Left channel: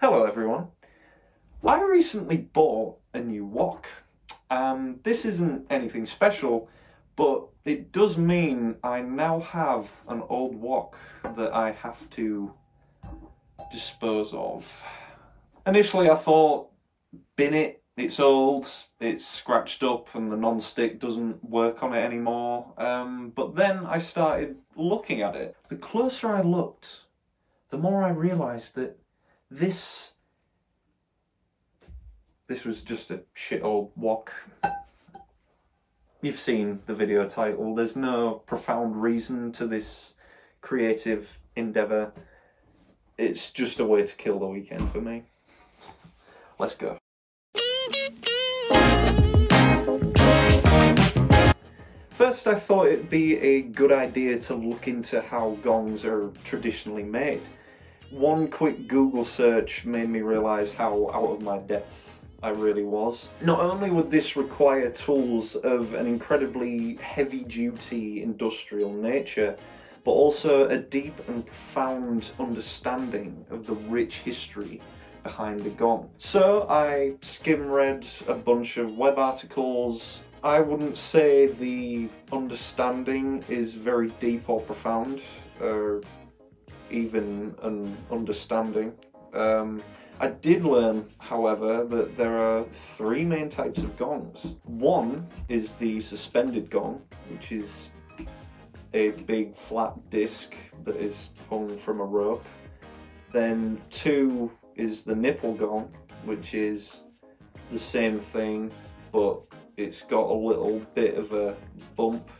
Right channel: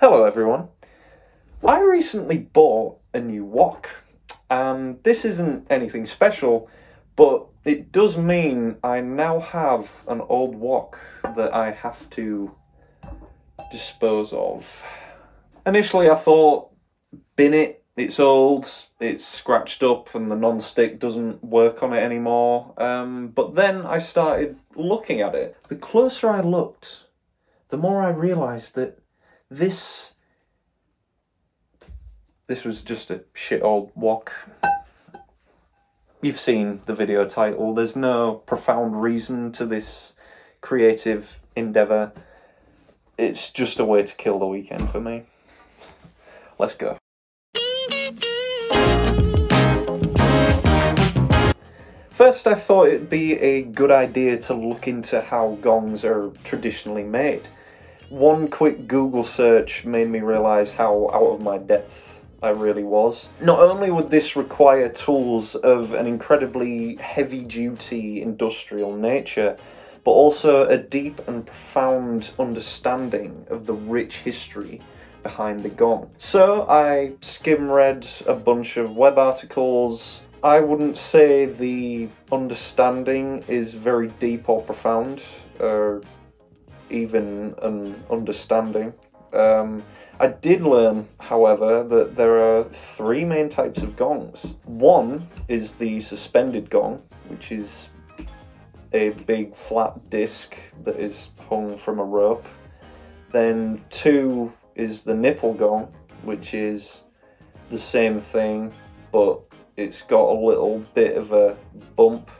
Hello everyone. I recently bought a new wok, and this isn't anything special, but it does mean I now have an old wok that I have to dispose of. Initially I thought, bin it, it's old, it's scratched up and the non-stick doesn't work on it anymore, but then I started looking at it. The closer I looked, the more I realised that this was just a shit old wok. You've seen the video title. There's no profound reason to this creative endeavour. It's just a way to kill the weekend for me. Let's go. First, I thought it'd be a good idea to look into how gongs are traditionally made. One quick Google search made me realise how out of my depth I really was. Not only would this require tools of an incredibly heavy-duty industrial nature, but also a deep and profound understanding of the rich history behind the gong. So I skim-read a bunch of web articles. I wouldn't say the understanding is very deep or profound, or even an understanding. I did learn, however, that there are three main types of gongs. One is the suspended gong, which is a big flat disc that is hung from a rope. Then two is the nipple gong, which is the same thing, but it's got a little bit of a bump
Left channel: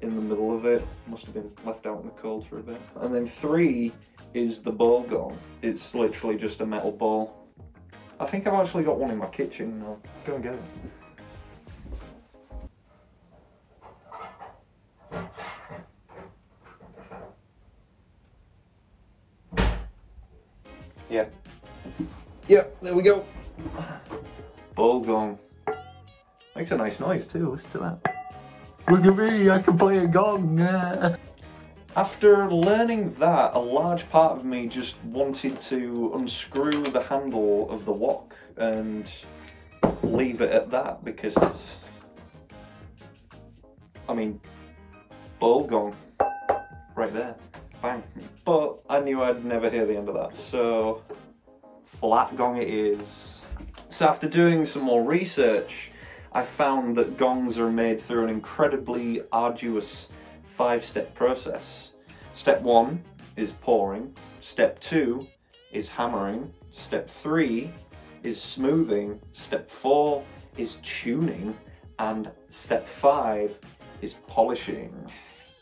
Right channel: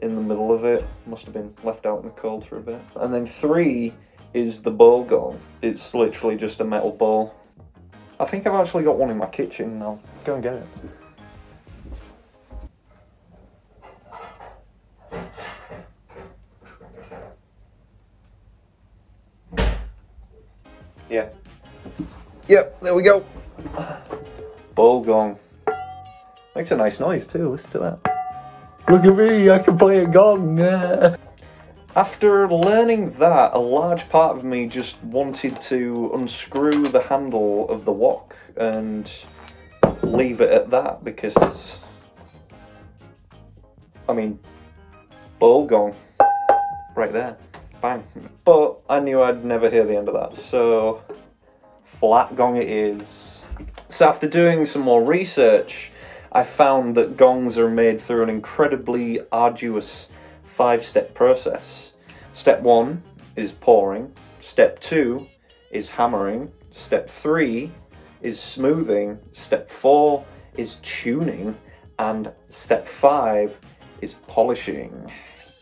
in the middle of it. Must have been left out in the cold for a bit. And then three is the bowl gong. It's literally just a metal bowl. I think I've actually got one in my kitchen. I'll go and get it. Yeah. Yep, there we go. Bowl gong. Makes a nice noise too, listen to that. Look at me, I can play a gong. After learning that, a large part of me just wanted to unscrew the handle of the wok and leave it at that, because, I mean, bowl gong, right there, bang. But I knew I'd never hear the end of that, so flat gong it is. So after doing some more research, I found that gongs are made through an incredibly arduous 5-step process. Step 1 is pouring, step 2 is hammering, step 3 is smoothing, step 4 is tuning, and step 5 is polishing.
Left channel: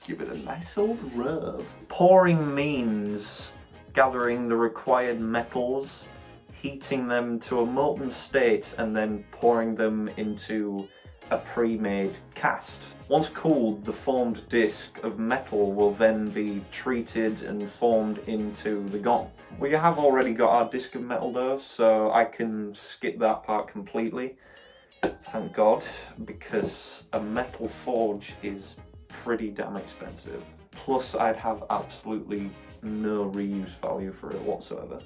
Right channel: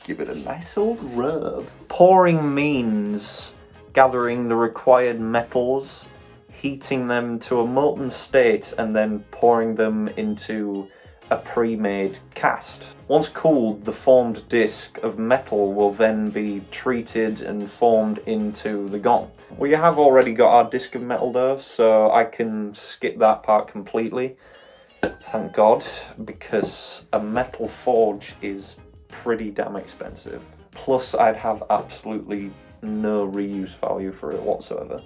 Give it a nice old rub. Pouring means gathering the required metals, heating them to a molten state, and then pouring them into a pre-made cast. Once cooled, the formed disc of metal will then be treated and formed into the gong. We have already got our disc of metal though, so I can skip that part completely. Thank God, because a metal forge is pretty damn expensive. Plus, I'd have absolutely no reuse value for it whatsoever,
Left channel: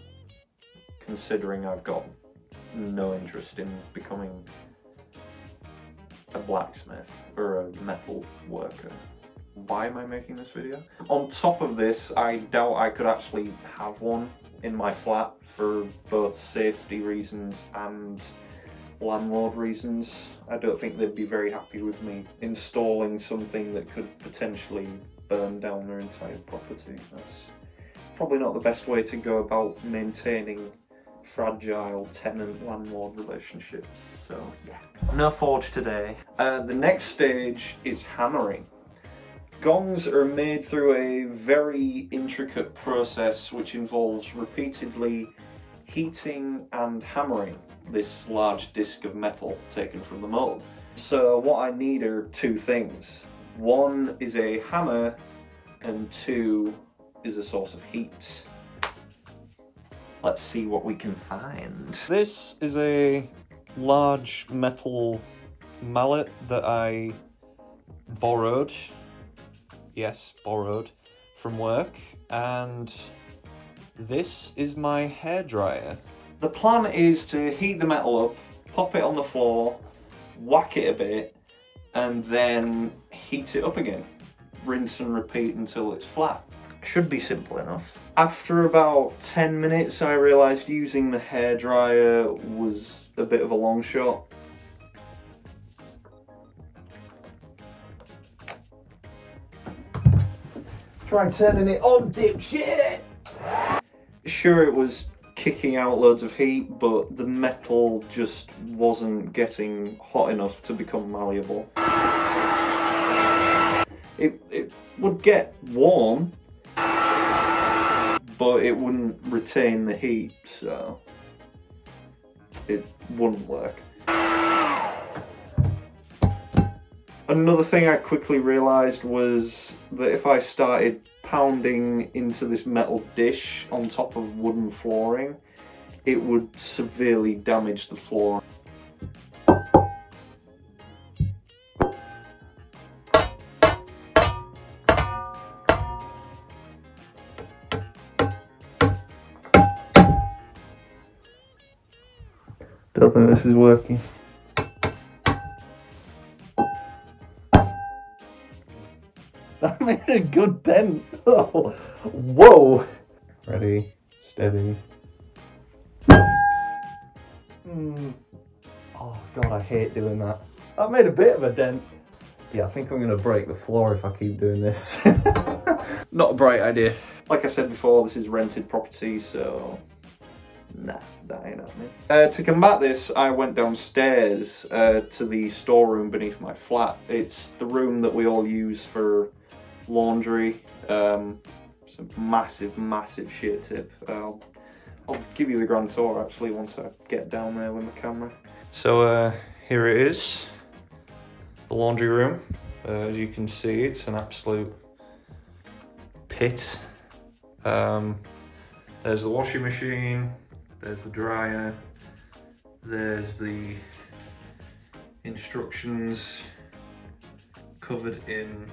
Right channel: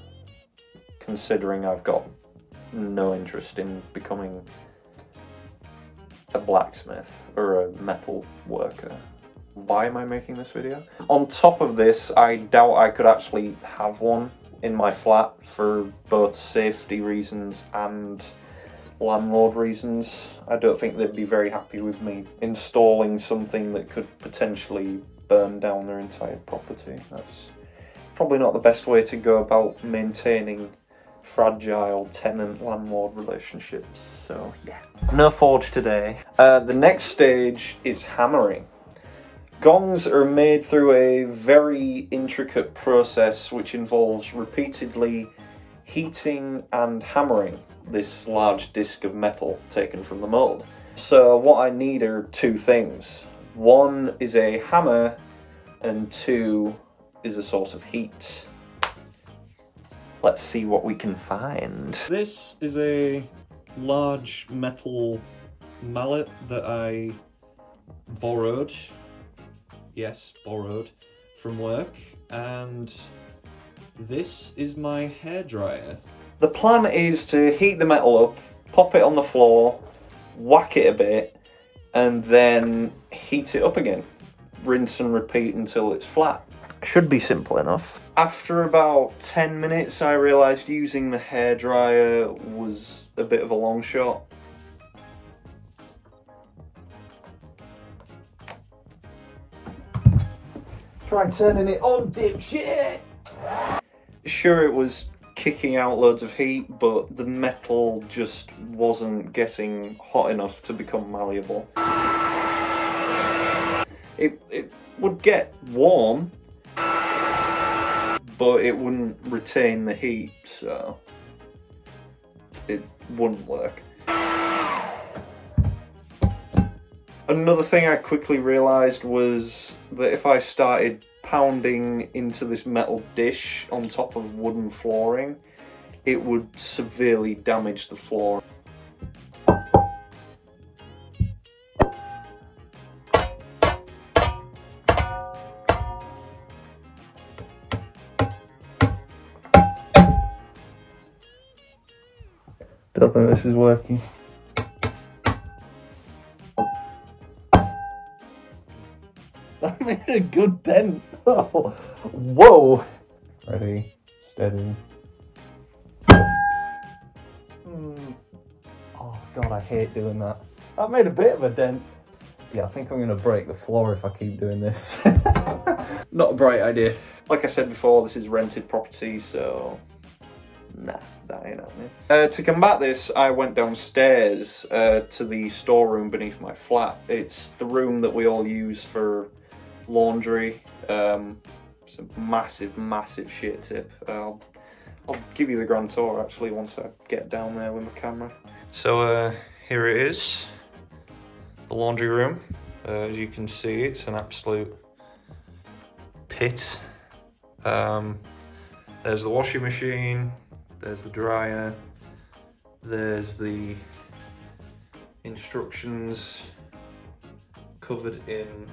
considering I've got no interest in becoming a blacksmith or a metal worker. Why am I making this video? On top of this, I doubt I could actually have one in my flat for both safety reasons and landlord reasons. I don't think they'd be very happy with me installing something that could potentially burn down their entire property. That's probably not the best way to go about maintaining fragile tenant-landlord relationships, so yeah. No forge today. The next stage is hammering. Gongs are made through a very intricate process which involves repeatedly heating and hammering this large disc of metal taken from the mold. So what I need are two things. One is a hammer, and two is a source of heat. Let's see what we can find. This is a large metal mallet that I borrowed. Yes, borrowed from work, and This is my hairdryer. The plan is to heat the metal up, pop it on the floor, whack it a bit, and then heat it up again. Rinse and repeat until it's flat. Should be simple enough. After about 10 minutes, I realised using the hairdryer was a bit of a long shot. Try turning it on, dipshit! Sure, it was kicking out loads of heat, but the metal just wasn't getting hot enough to become malleable. It would get warm, but it wouldn't retain the heat, so it wouldn't work. Another thing I quickly realised was that if I started pounding into this metal dish on top of wooden flooring, it would severely damage the floor. Don't think this is working. That made a good dent. Oh, whoa. Ready, steady. Oh god, I hate doing that. That made a bit of a dent. Yeah, I think I'm gonna break the floor if I keep doing this. Not a bright idea. Like I said before, this is rented property, so nah, that ain't happening. To combat this, I went downstairs to the storeroom beneath my flat. It's the room that we all use for laundry. It's a massive, massive shit tip. I'll give you the grand tour actually once I get down there with my camera. So here it is, the laundry room. As you can see, it's an absolute pit. There's the washing machine, there's the dryer, there's the instructions covered in,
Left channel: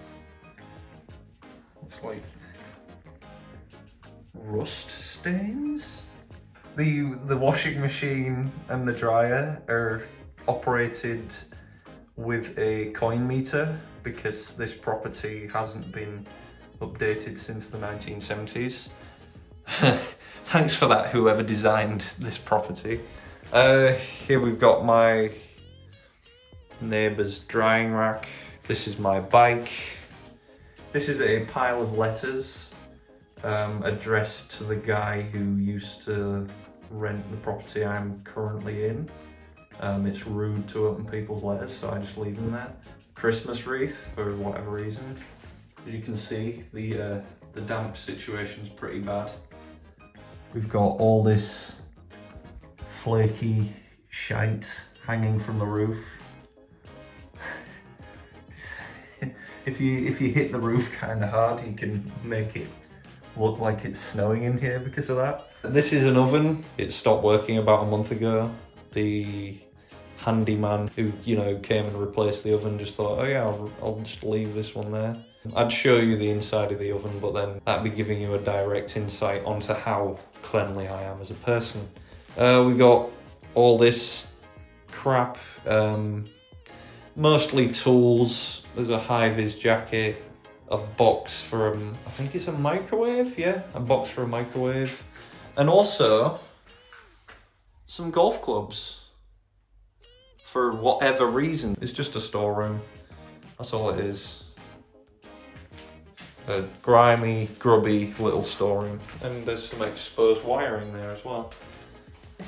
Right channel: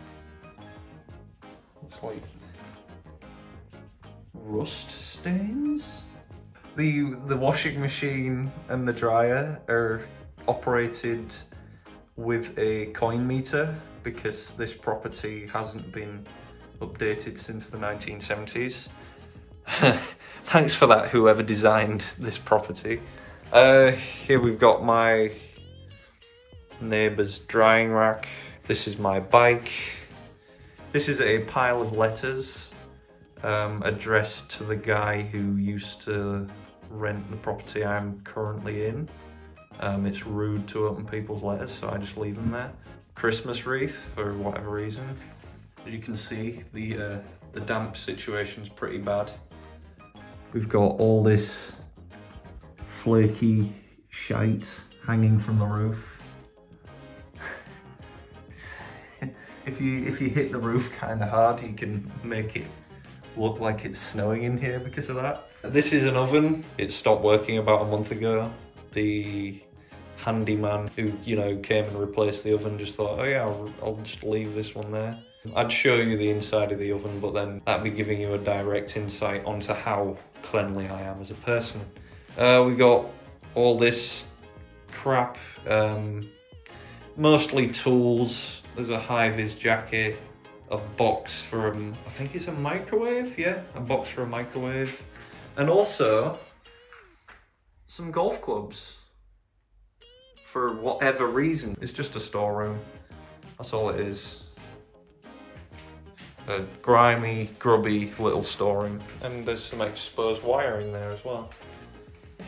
looks like rust stains. The washing machine and the dryer are operated with a coin meter because this property hasn't been updated since the 1970s. Thanks for that, whoever designed this property. Here we've got my neighbour's drying rack. This is my bike. This is a pile of letters addressed to the guy who used to rent the property I'm currently in. It's rude to open people's letters, so I just leave them there. Christmas wreath, for whatever reason. As you can see, the damp situation's pretty bad. We've got all this flaky shite hanging from the roof. If you hit the roof kind of hard, you can make it look like it's snowing in here because of that. This is an oven. It stopped working about a month ago. The handyman who, you know, came and replaced the oven just thought, oh yeah, I'll just leave this one there. I'd show you the inside of the oven, but then that'd be giving you a direct insight onto how cleanly I am as a person. We got all this crap, mostly tools. There's a high-vis jacket, a box for I think it's a microwave, yeah, a box for a microwave. And also some golf clubs. For whatever reason, it's just a storeroom. That's all it is. A grimy, grubby little storeroom. And there's some exposed wiring there as well.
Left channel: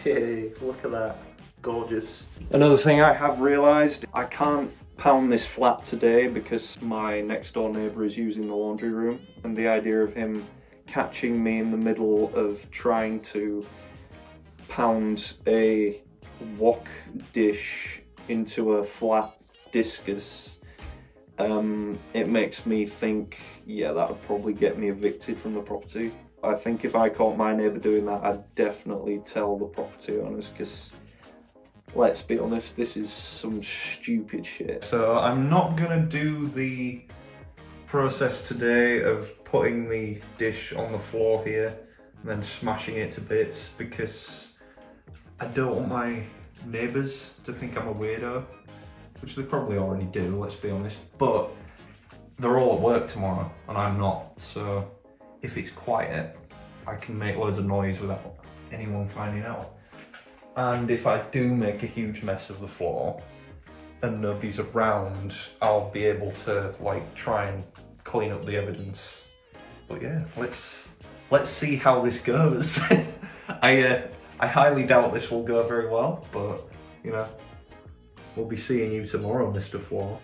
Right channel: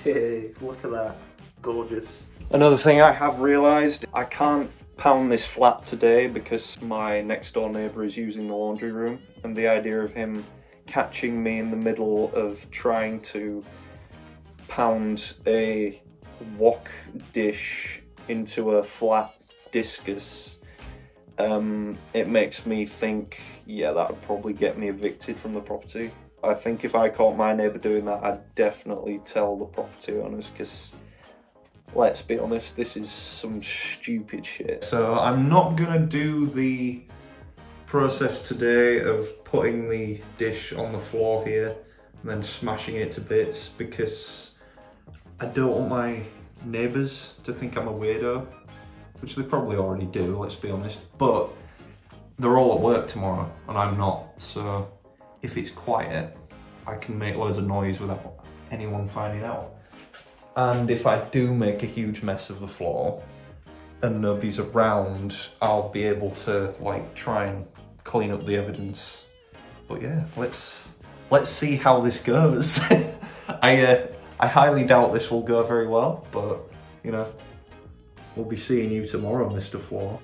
Hey, look at that. Gorgeous. Another thing I have realised, I can't pound this flat today because my next door neighbour is using the laundry room, and the idea of him catching me in the middle of trying to pound a wok dish into a flat discus, it makes me think, yeah, that would probably get me evicted from the property. I think if I caught my neighbour doing that, I'd definitely tell the property owners, because let's be honest, this is some stupid shit. So I'm not gonna do the process today of putting the dish on the floor here. and then smashing it to bits, because I don't want my neighbours to think I'm a weirdo, which they probably already do, let's be honest, but they're all at work tomorrow and I'm not, so if it's quiet, I can make loads of noise without anyone finding out. And if I do make a huge mess of the floor and nobody's around, I'll be able to like try and clean up the evidence. But yeah, let's see how this goes. I highly doubt this will go very well, but you know, we'll be seeing you tomorrow, Mr. Floor.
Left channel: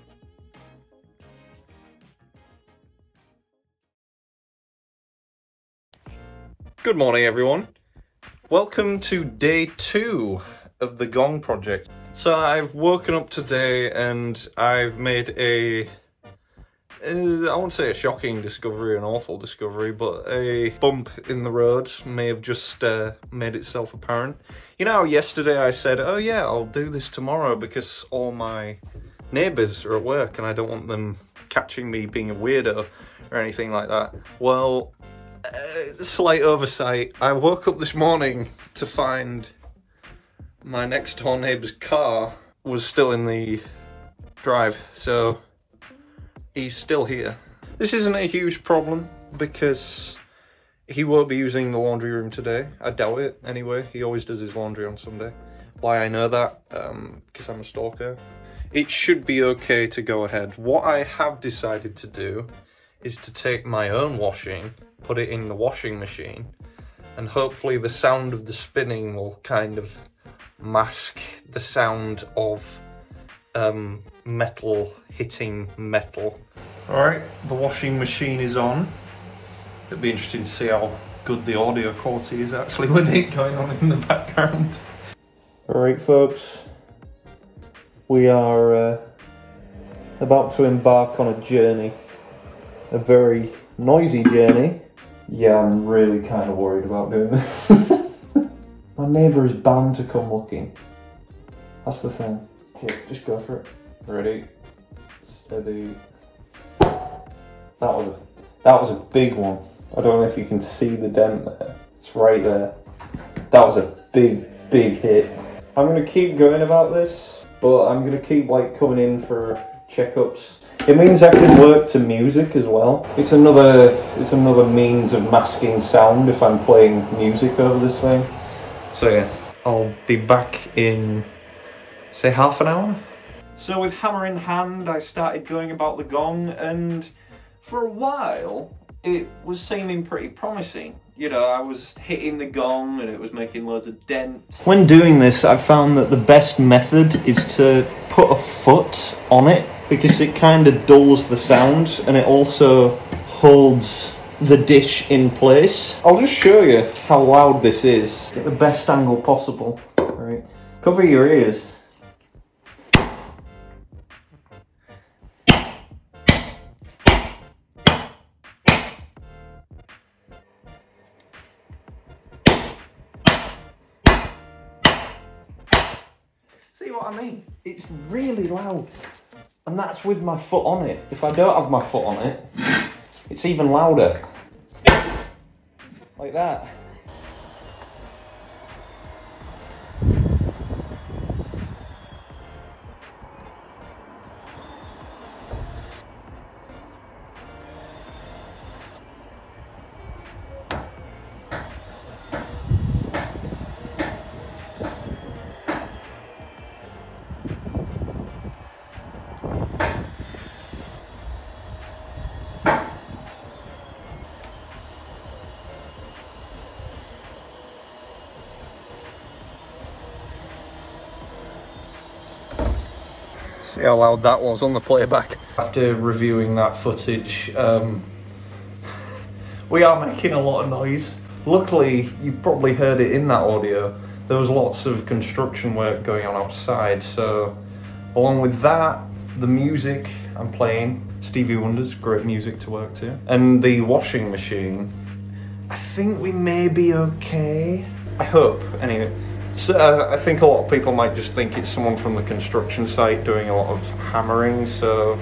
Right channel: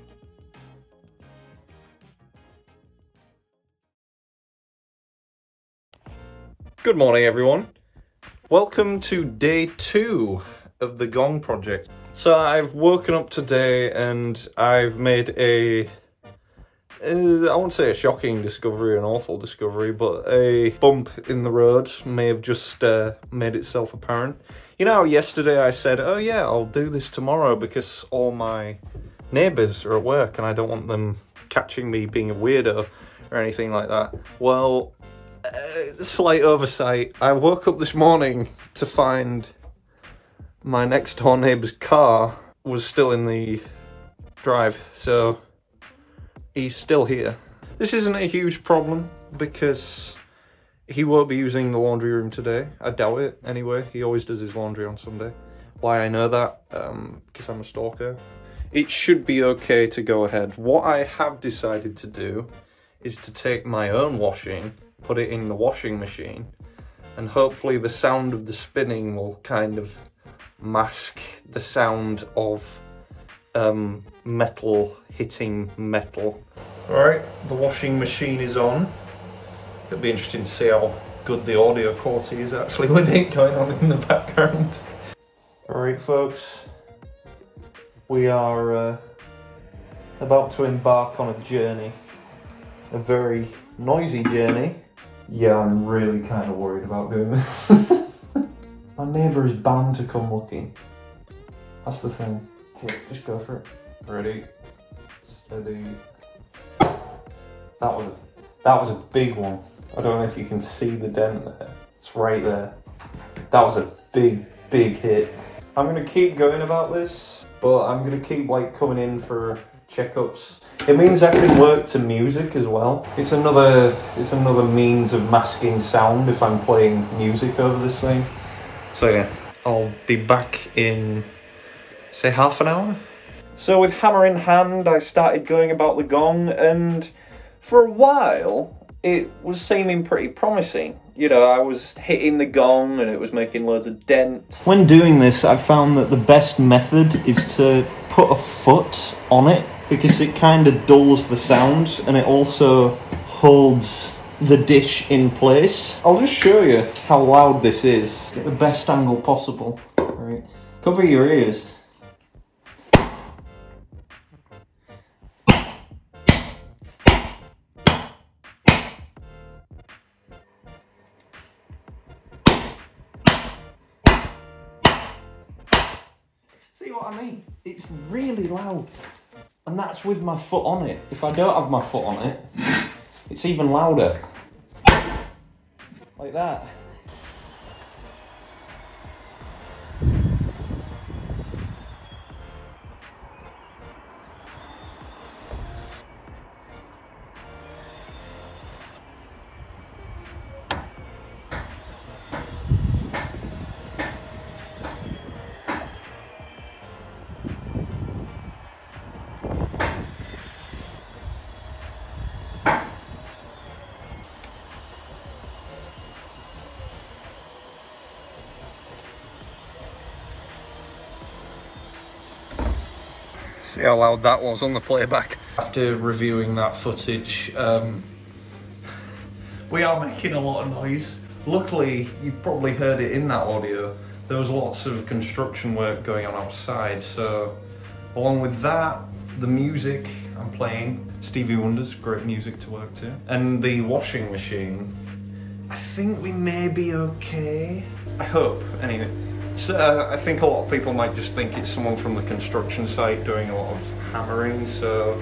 Good morning, everyone. Welcome to day 2 of the Gong project. So I've woken up today and I've made I won't say a shocking discovery, an awful discovery, but a bump in the road may have just made itself apparent. You know how yesterday I said, oh yeah, I'll do this tomorrow because all my neighbours are at work and I don't want them catching me being a weirdo or anything like that. Well, slight oversight. I woke up this morning to find my next door neighbour's car was still in the drive, so he's still here. This isn't a huge problem because he won't be using the laundry room today. I doubt it anyway. He always does his laundry on Sunday. Why I know that? Because I'm a stalker. It should be okay to go ahead. What I have decided to do is to take my own washing, put it in the washing machine, and hopefully the sound of the spinning will kind of mask the sound of metal hitting metal. Alright, the washing machine is on. It'll be interesting to see how good the audio quality is actually with it going on in the background. Alright folks, we are about to embark on a journey. A very noisy journey. Yeah, I'm really kind of worried about doing this. My neighbour is bound to come looking. That's the thing. Okay, just go for it. Ready, steady. That was a big one. I don't know if you can see the dent there. It's right there. That was a big hit. I'm gonna keep going about this, but I'm gonna keep like coming in for checkups. It means I can work to music as well. It's another means of masking sound if I'm playing music over this thing. So yeah, I'll be back in, say, half an hour. So with hammer in hand, I started going about the gong, and for a while, it was seeming pretty promising. You know, I was hitting the gong and it was making loads of dents. When doing this, I found that the best method is to put a foot on it, because it kind of dulls the sound and it also holds the dish in place. I'll just show you how loud this is. Get the best angle possible. All right. Cover your ears. See what I mean? It's really loud. And that's with my foot on it. If I don't have my foot on it, it's even louder. Like that. See how loud that was on the playback. After reviewing that footage, we are making a lot of noise. Luckily, you probably heard it in that audio. There was lots of construction work going on outside, so along with that, the music I'm playing, Stevie Wonder's great music to work to, and the washing machine, I think we may be okay. I hope, anyway. So, I think a lot of people might just think it's someone from the construction site doing a lot of hammering, so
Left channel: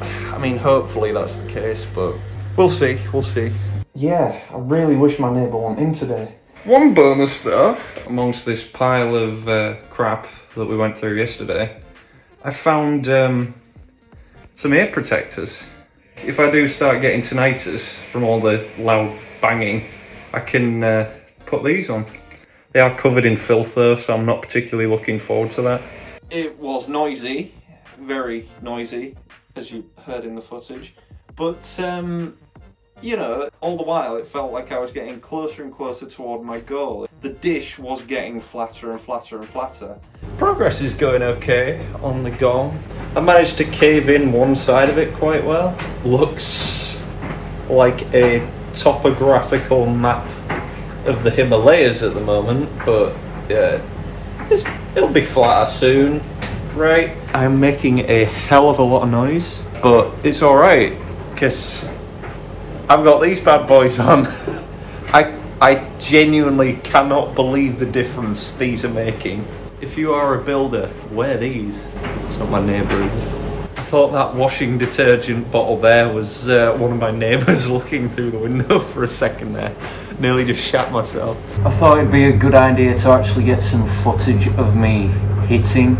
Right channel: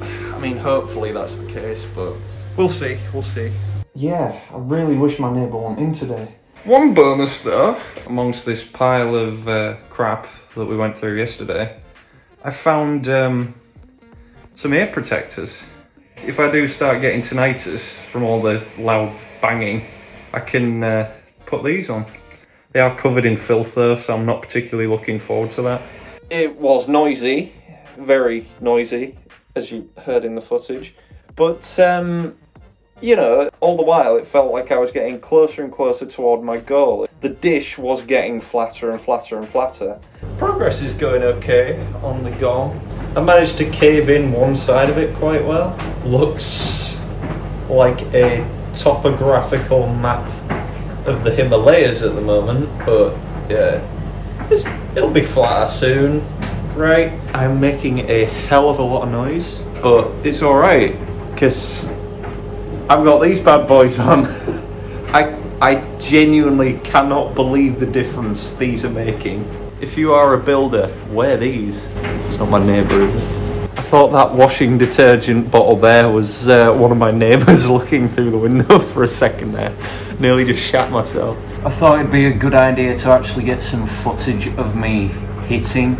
I mean, hopefully that's the case, but we'll see, we'll see. yeah, I really wish my neighbour went in today. One bonus though, amongst this pile of crap that we went through yesterday, I found some ear protectors. If I do start getting tinnitus from all the loud banging, I can put these on. They are covered in filth though, so I'm not particularly looking forward to that. It was noisy, very noisy, as you heard in the footage, but you know, all the while it felt like I was getting closer and closer toward my goal. The dish was getting flatter and flatter and flatter. Progress is going okay on the Gong. I managed to cave in one side of it quite well. Looks like a topographical map of the Himalayas at the moment, but yeah, it'll be flatter soon, right? I'm making a hell of a lot of noise, but it's alright, because I've got these bad boys on. I genuinely cannot believe the difference these are making. If you are a builder, wear these. It's not my neighbour, is it? I thought that washing detergent bottle there was one of my neighbours looking through the window for a second there. Nearly just shat myself. I thought it'd be a good idea to actually get some footage of me hitting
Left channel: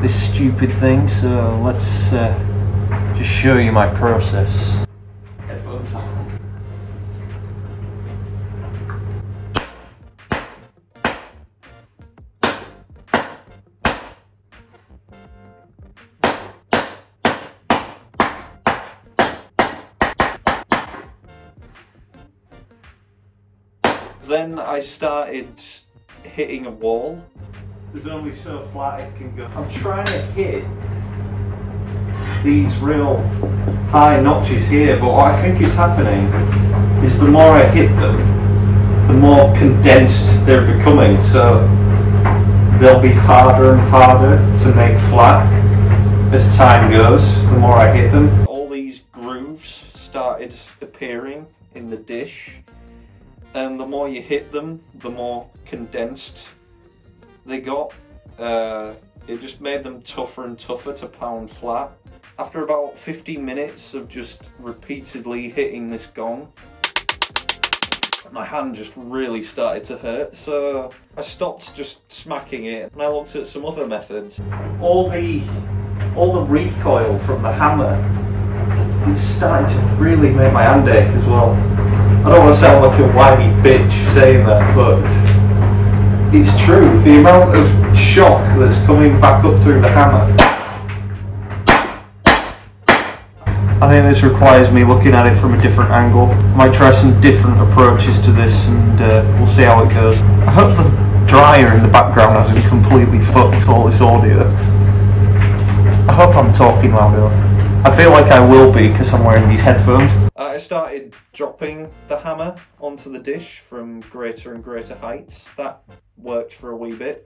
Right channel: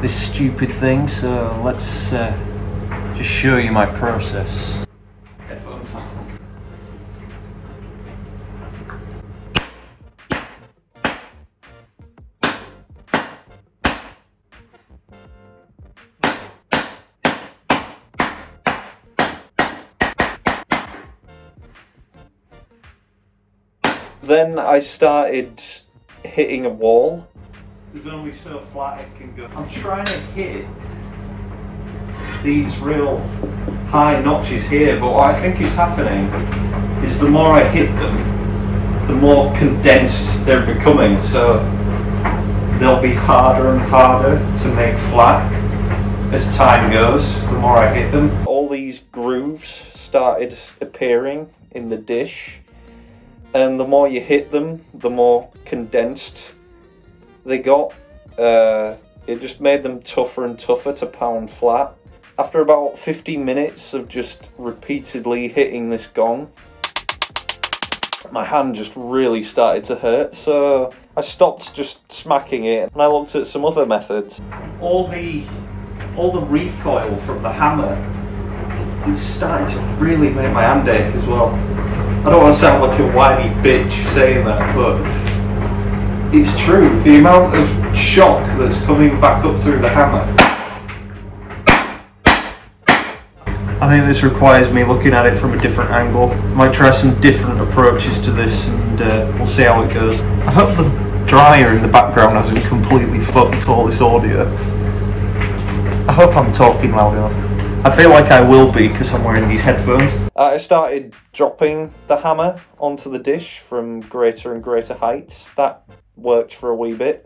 this stupid thing, so let's just show you my process. Headphones on. Then I started hitting a wall. There's only so flat it can go. I'm trying to hit these real high notches here, but what I think is happening is the more I hit them, the more condensed they're becoming, so they'll be harder and harder to make flat as time goes, the more I hit them. All these grooves started appearing in the dish, and the more you hit them, the more condensed they got. It just made them tougher and tougher to pound flat. After about 15 minutes of just repeatedly hitting this Gong, my hand just really started to hurt, so I stopped just smacking it and I looked at some other methods. All the recoil from the hammer is starting to really make my hand ache as well. I don't want to sound like a whiny bitch saying that, but it's true. The amount of shock that's coming back up through the hammer. I think this requires me looking at it from a different angle. I might try some different approaches to this and we'll see how it goes. I hope the dryer in the background hasn't completely fucked all this audio. I hope I'm talking loud enough. I feel like I will be because I'm wearing these headphones. I started dropping the hammer onto the dish from greater and greater heights. That worked for a wee bit.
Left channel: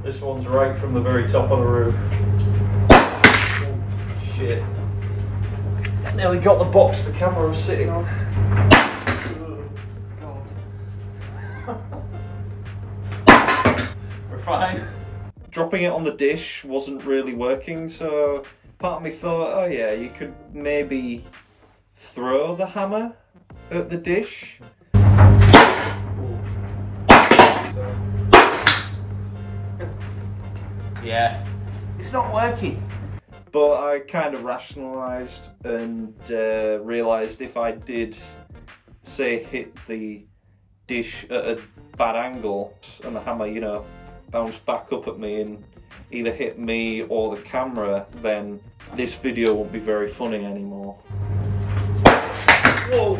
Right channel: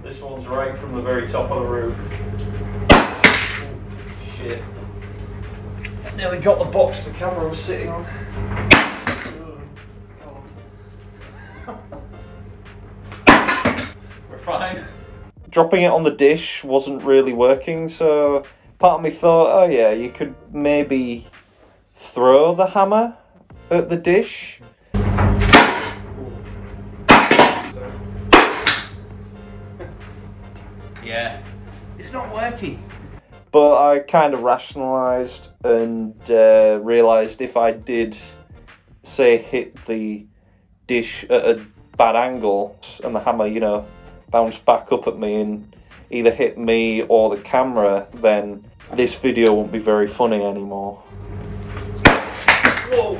This one's right from the very top of the roof. Shit. Nearly got the box the camera was sitting on. Oh, God. We're fine. Dropping it on the dish wasn't really working, so part of me thought, oh yeah, you could maybe throw the hammer at the dish. Yeah, it's not working. But I kind of rationalised and realised if I did, say, hit the dish at a bad angle and the hammer, you know, bounced back up at me and either hit me or the camera, then this video won't be very funny anymore. Whoa!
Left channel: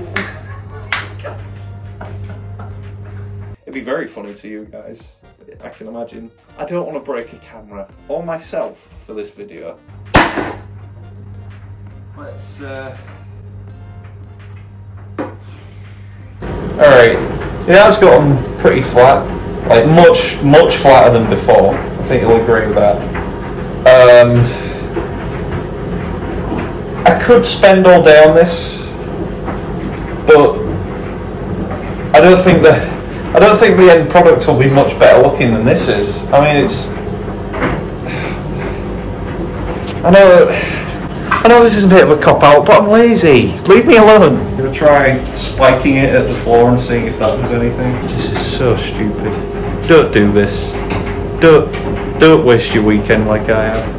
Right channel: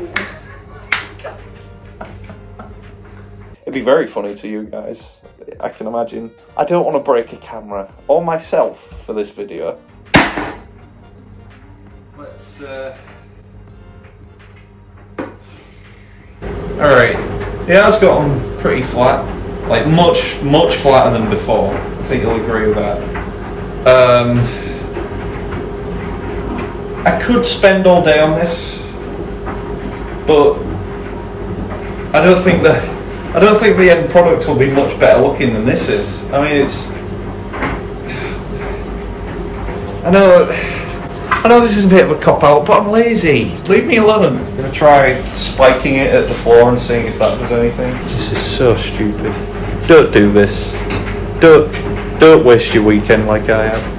It'd be very funny to you guys, I can imagine. I don't want to break a camera or myself for this video. Let's Alright, it has gotten pretty flat, like much flatter than before. I think you'll agree with that. I could spend all day on this, but I don't think the end product will be much better looking than this is. I mean, it's. I know this is a bit of a cop out, but I'm lazy. Leave me alone. I'm gonna try spiking it at the floor and seeing if that does anything. This is so stupid. Don't do this. Don't waste your weekend like I have.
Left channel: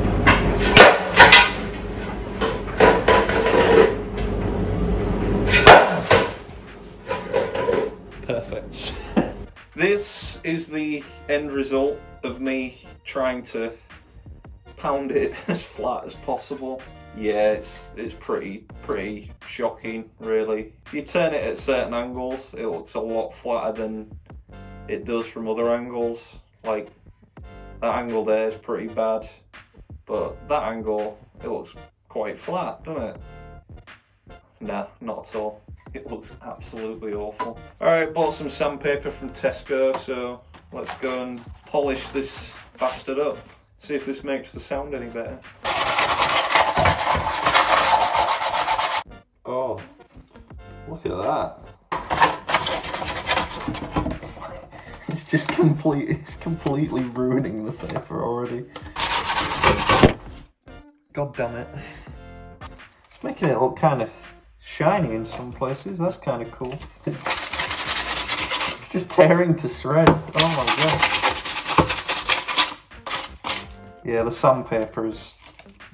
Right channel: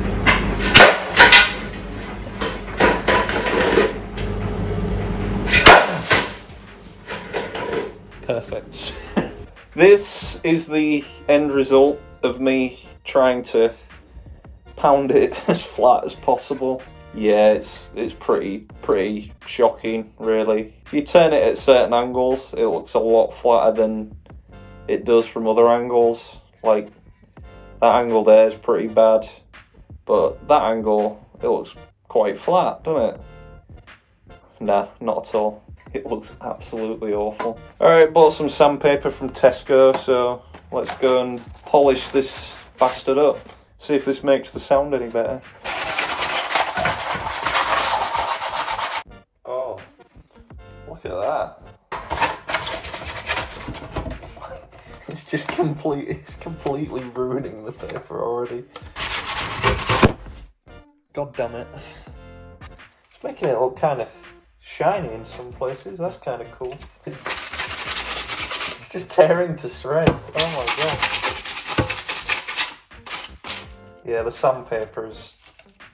Perfect. This is the end result of me trying to pound it as flat as possible. Yeah, it's pretty shocking, really. If you turn it at certain angles, it looks a lot flatter than it does from other angles. Like, that angle there is pretty bad, but that angle, it looks quite flat, doesn't it? Nah, not at all. It looks absolutely awful. Alright, bought some sandpaper from Tesco, so let's go and polish this bastard up. See if this makes the sound any better. Oh, look at that. It's completely ruining the paper already. God damn it. It's making it look kind of shiny in some places. That's kind of cool. It's just tearing to shreds. Oh my god. Yeah, the sandpaper is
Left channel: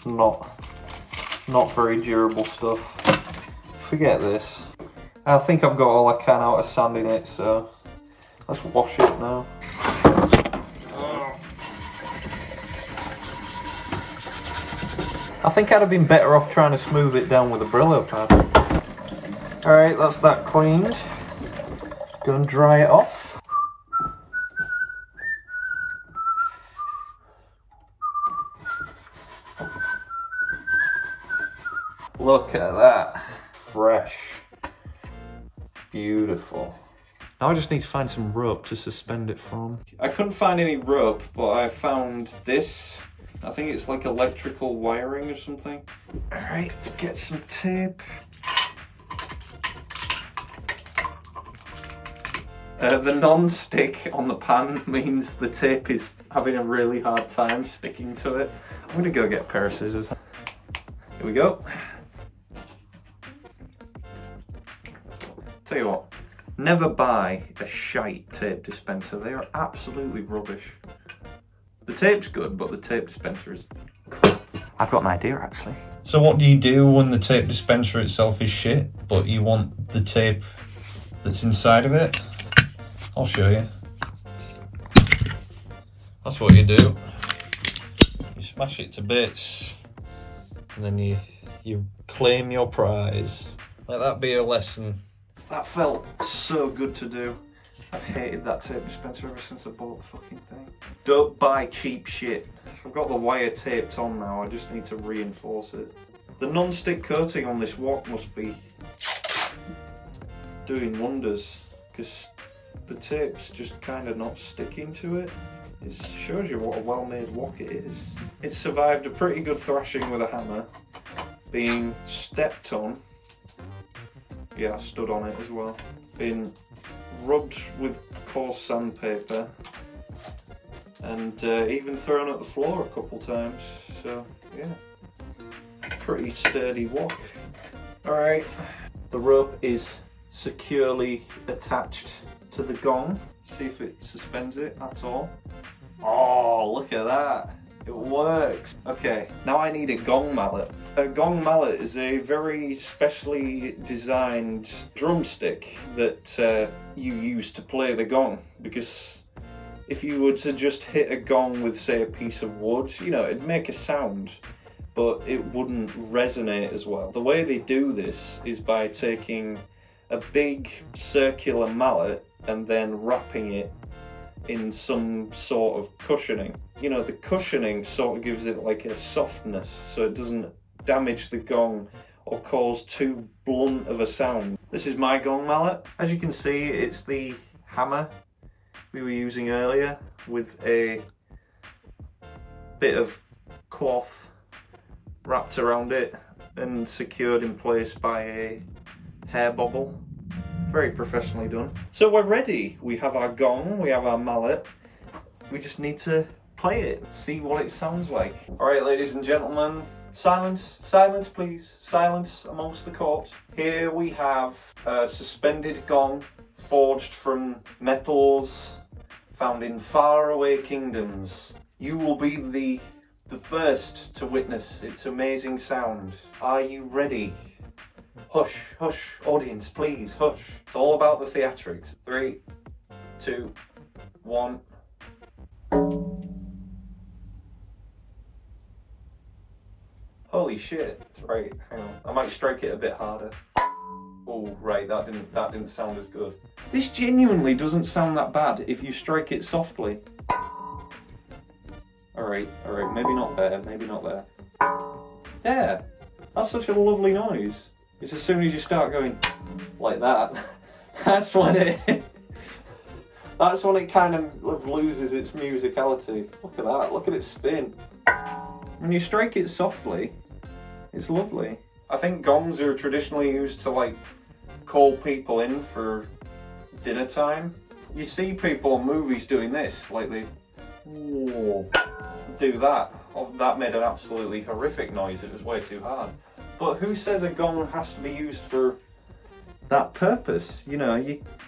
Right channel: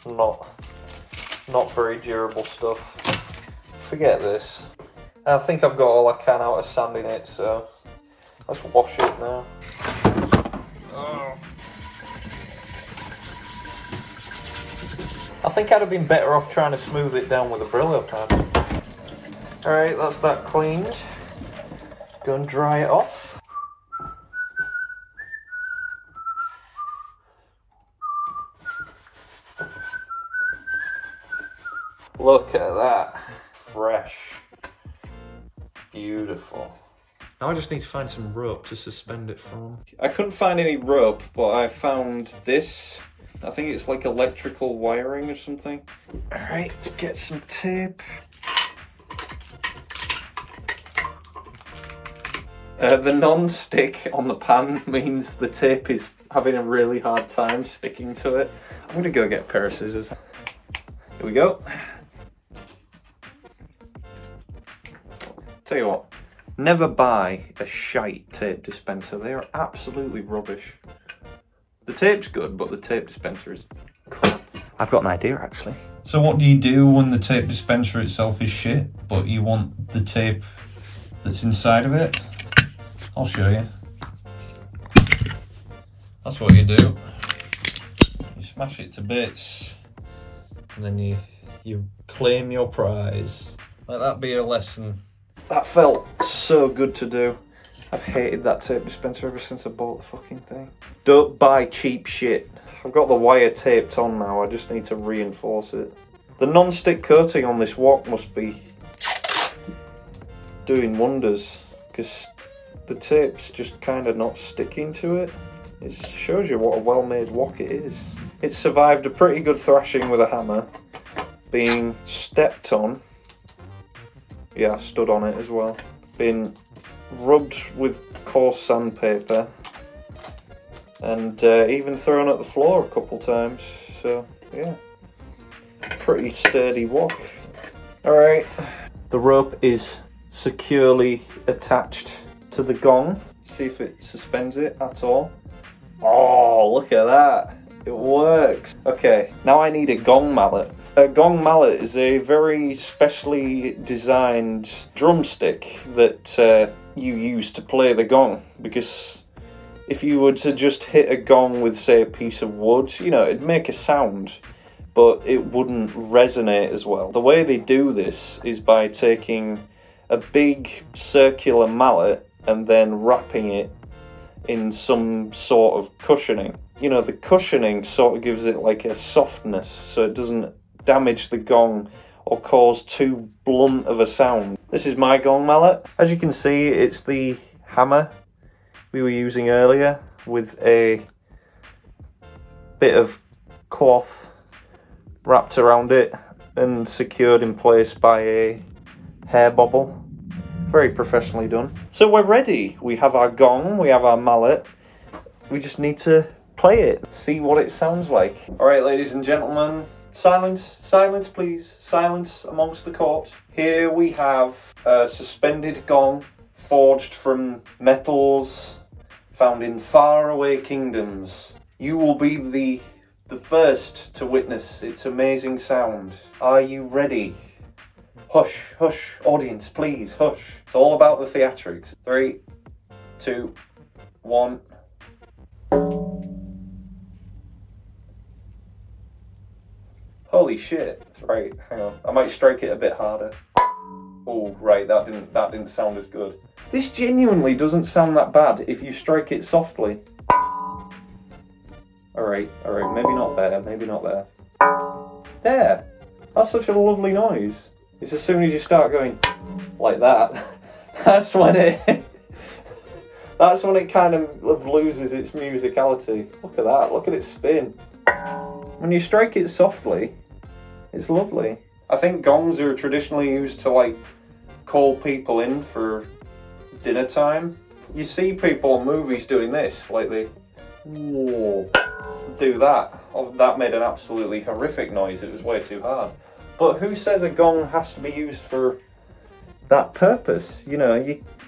not very durable stuff. Forget this. I think I've got all I can out of sanding it, so let's wash it now. I think I'd have been better off trying to smooth it down with a Brillo pad. Alright, that's that cleaned. Go and dry it off. Look at that. Fresh. Beautiful. Now I just need to find some rope to suspend it from. I couldn't find any rope, but I found this. I think it's like electrical wiring or something. Alright, let's get some tape. The non-stick on the pan means the tape is having a really hard time sticking to it. I'm gonna go get a pair of scissors. Here we go. Tell you what, never buy a shite tape dispenser. They are absolutely rubbish. The tape's good, but the tape dispenser is crap. I've got an idea, actually. So what do you do when the tape dispenser itself is shit, but you want the tape that's inside of it? I'll show you. That's what you do. You smash it to bits, and then you claim your prize. Let that be a lesson. That felt so good to do. I've hated that tape dispenser ever since I bought the fucking thing. Don't buy cheap shit. I've got the wire taped on now, I just need to reinforce it. The non-stick coating on this wok must be doing wonders, because the tape's just kind of not sticking to it. It shows you what a well-made wok it is. It survived a pretty good thrashing with a hammer, being stepped on. Yeah, I stood on it as well. Been rubbed with coarse sandpaper and even thrown at the floor a couple times. So yeah, pretty sturdy wok. Alright, the rope is securely attached to the gong. See if it suspends it at all. Oh, look at that. It works. Okay, now I need a gong mallet. A gong mallet is a very specially designed drumstick that you use to play the gong, because if you were to just hit a gong with, say, a piece of wood, you know, it'd make a sound, but it wouldn't resonate as well. The way they do this is by taking a big circular mallet and then wrapping it in some sort of cushioning. You know, the cushioning sort of gives it like a softness, so it doesn't damage the gong or cause too blunt of a sound. This is my gong mallet. As you can see, it's the hammer we were using earlier with a bit of cloth wrapped around it and secured in place by a hair bobble Very professionally done. So we're ready. We have our gong, we have our mallet. We just need to play it, see what it sounds like. All right, ladies and gentlemen, silence, silence please, silence amongst the court. Here we have a suspended gong forged from metals found in faraway kingdoms. You will be the first to witness its amazing sound. Are you ready? Hush, hush, audience, please, hush. It's all about the theatrics. 3, 2, 1. Holy shit. Right, hang on. I might strike it a bit harder. Oh, right, that didn't sound as good. This genuinely doesn't sound that bad if you strike it softly. Alright, maybe not there, maybe not there. There! That's such a lovely noise. It's as soon as you start going like that, that's when it kind of loses its musicality. Look at that, look at it spin. When you strike it softly, it's lovely. I think gongs are traditionally used to like call people in for dinner time. You see people in movies doing this, like they do that. Oh, that made an absolutely horrific noise, it was way too hard. But who says a gong has to be used for that purpose? You know,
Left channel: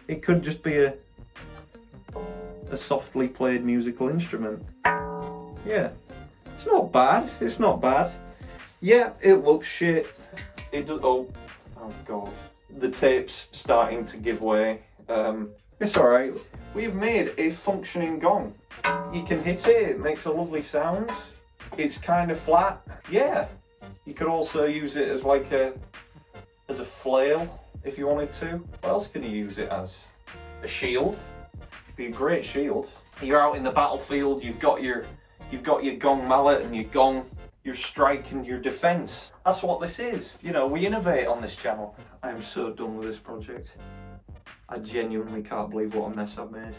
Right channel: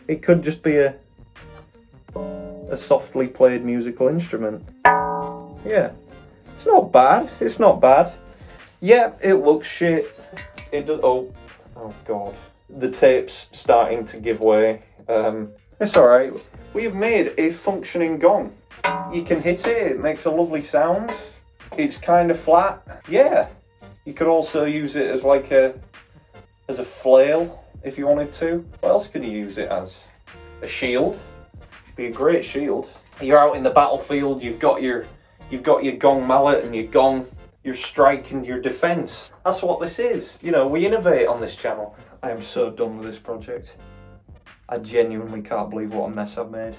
it could just be a softly played musical instrument. Yeah, it's not bad, it's not bad. Yeah, it looks shit. It does. Oh god. The tape's starting to give way. It's alright. We have made a functioning gong. You can hit it, it makes a lovely sound. It's kind of flat. Yeah. You could also use it as like as a flail if you wanted to. What else can you use it as? A shield. Be a great shield. You're out in the battlefield, you've got your gong mallet and your strike and your defense. That's what this is. You know, we innovate on this channel. I am so done with this project. I genuinely can't believe what a mess I've made.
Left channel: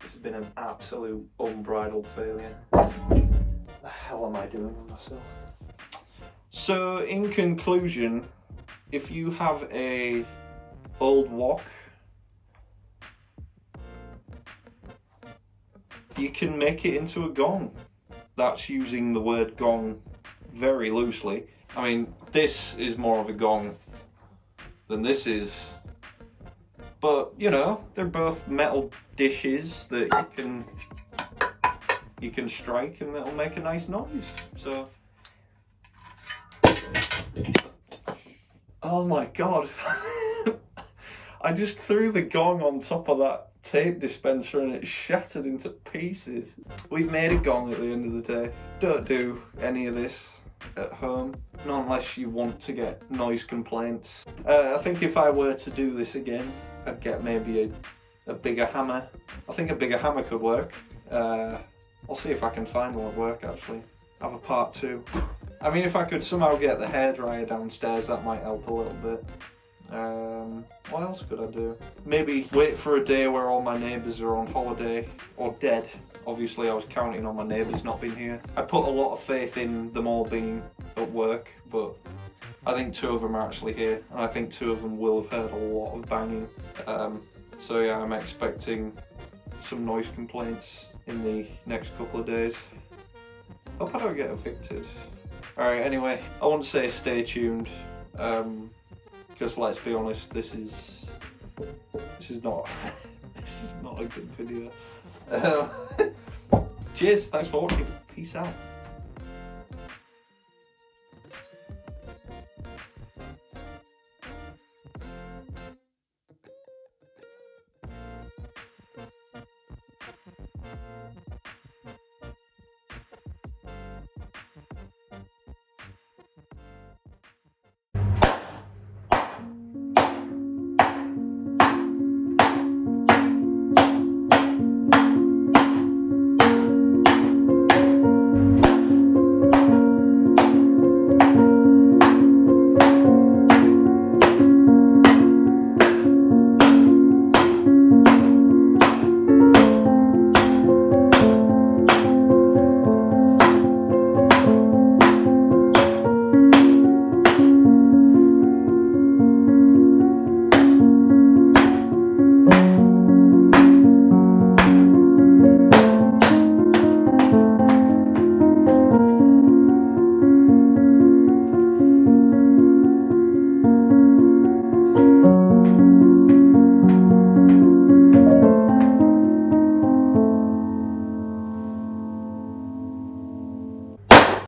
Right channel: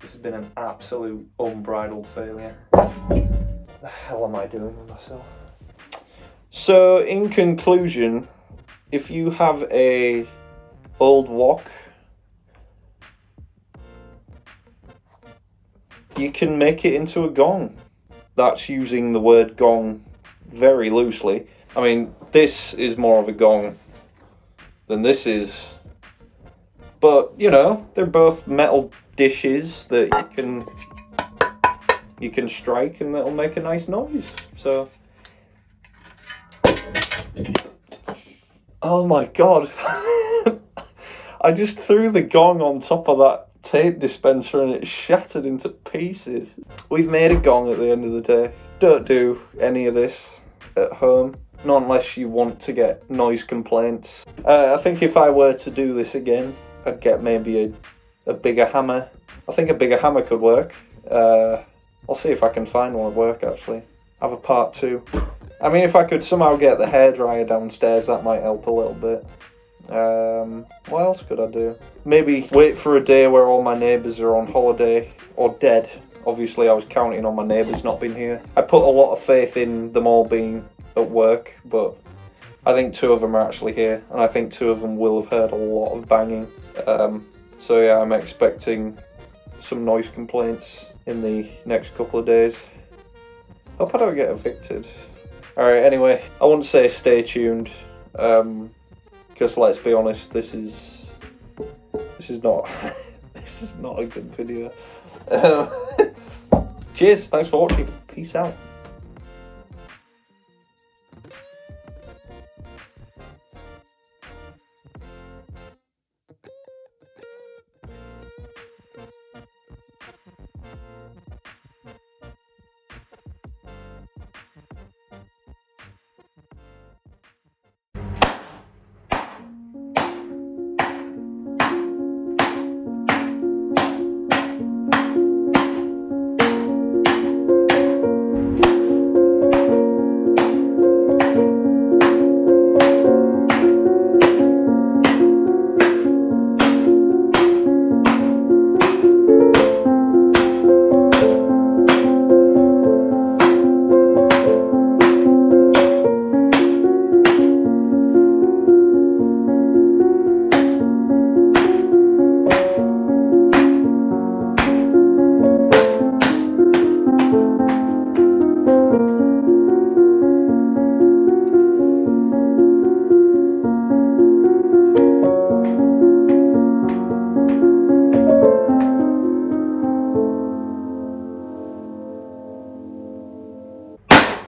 This has been an absolute unbridled failure. The hell am I doing with myself? So, in conclusion, if you have a old wok, you can make it into a gong. That's using the word gong very loosely. I mean, this is more of a gong than this is. But, you know, they're both metal dishes that you can strike and it'll make a nice noise. So, oh my god. I just threw the gong on top of that tape dispenser and it shattered into pieces. We've made a gong at the end of the day. Don't do any of this at home, not unless you want to get noise complaints. I think if I were to do this again, I'd get maybe a bigger hammer. I think a bigger hammer could work. I'll see if I can find one at work actually. Have a part 2. I mean, if I could somehow get the hairdryer downstairs, that might help a little bit. What else could I do? Maybe wait for a day where all my neighbours are on holiday or dead. Obviously I was counting on my neighbours not being here. I put a lot of faith in them all being at work, but I think 2 of them are actually here, and I think 2 of them will have heard a lot of banging. So yeah, I'm expecting some noise complaints in the next couple of days. Hope I don't get evicted. Alright, anyway, I wouldn't say stay tuned, because let's be honest, this is not this is not a good video. Cheers, thanks for watching, peace out.